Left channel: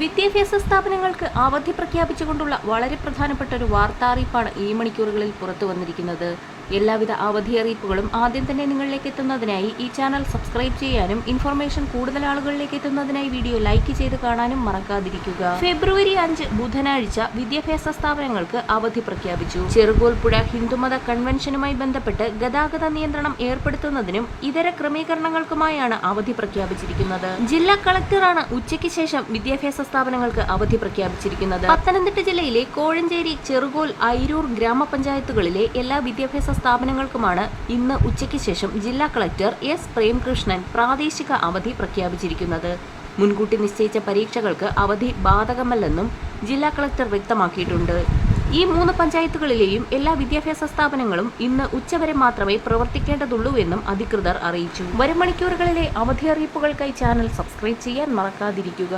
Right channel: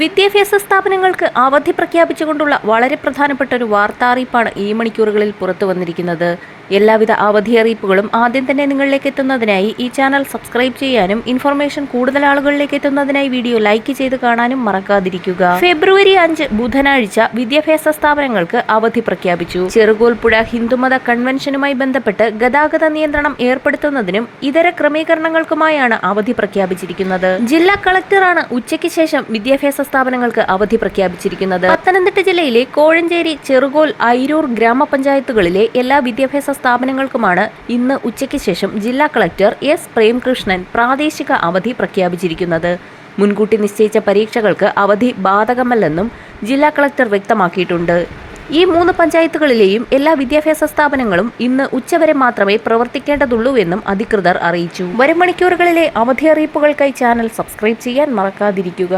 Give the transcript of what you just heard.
വിദ്യാഭ്യാസ സ്ഥാപനങ്ങൾക്ക് അവധി പ്രഖ്യാപിച്ചുകൊണ്ടുള്ള വളരെ പ്രധാനപ്പെട്ട ഒരു വാർത്താ അറിയിപ്പാണ് ഈ മണിക്കൂറുകളിൽ പുറത്തു വന്നിരിക്കുന്നത്. എല്ലാവിധ അവധി അറിയിപ്പുകളും ആദ്യം തന്നെ നിങ്ങളിലേക്ക് എത്തുന്നതിനായി ഈ ചാനൽ സബ്സ്ക്രൈബ് ചെയ്യാനും ഇൻഫർമേഷൻ കൂടുതൽ ആളുകളിലേക്ക് എത്തുന്നതിനായി വീഡിയോ ലൈക്ക് ചെയ്ത് കാണാനും മറക്കാതിരിക്കുക. ഫെബ്രുവരി അഞ്ച് ബുധനാഴ്ച വിദ്യാഭ്യാസ സ്ഥാപനങ്ങൾക്ക് അവധി പ്രഖ്യാപിച്ചു. ചെറുകോൽപ്പുഴ ഹിന്ദുമത കൺവെൻഷനുമായി ബന്ധപ്പെട്ട് ഗതാഗത നിയന്ത്രണം ഏർപ്പെടുത്തുന്നതിനും ഇതര ക്രമീകരണങ്ങൾക്കുമായാണ് അവധി പ്രഖ്യാപിച്ചിരിക്കുന്നത്. ജില്ലാ കളക്ടറാണ് ഉച്ചയ്ക്ക് ശേഷം വിദ്യാഭ്യാസ സ്ഥാപനങ്ങൾക്ക് അവധി പ്രഖ്യാപിച്ചിരിക്കുന്നത്. പത്തനംതിട്ട ജില്ലയിലെ കോഴഞ്ചേരി ചെറുകോൽ ഐരൂർ ഗ്രാമപഞ്ചായത്തുകളിലെ എല്ലാ വിദ്യാഭ്യാസ സ്ഥാപനങ്ങൾക്കുമാണ് ഇന്ന് ഉച്ചയ്ക്ക് ശേഷം ജില്ലാ കളക്ടർ എസ് പ്രേംകൃഷ്ണൻ പ്രാദേശിക അവധി പ്രഖ്യാപിച്ചിരിക്കുന്നത്. മുൻകൂട്ടി നിശ്ചയിച്ച പരീക്ഷകൾക്ക് അവധി ബാധകമല്ലെന്നും ജില്ലാ കളക്ടർ വ്യക്തമാക്കിയിട്ടുണ്ട്. ഈ മൂന്ന് പഞ്ചായത്തുകളിലെയും എല്ലാ വിദ്യാഭ്യാസ സ്ഥാപനങ്ങളും ഇന്ന് ഉച്ചവരെ മാത്രമേ പ്രവർത്തിക്കേണ്ടതുള്ളൂ എന്നും അധികൃതർ അറിയിച്ചു. വരും മണിക്കൂറുകളിലെ അവധി അറിയിപ്പുകൾക്കായി ചാനൽ സബ്സ്ക്രൈബ് ചെയ്യാൻ മറക്കാതിരിക്കുക.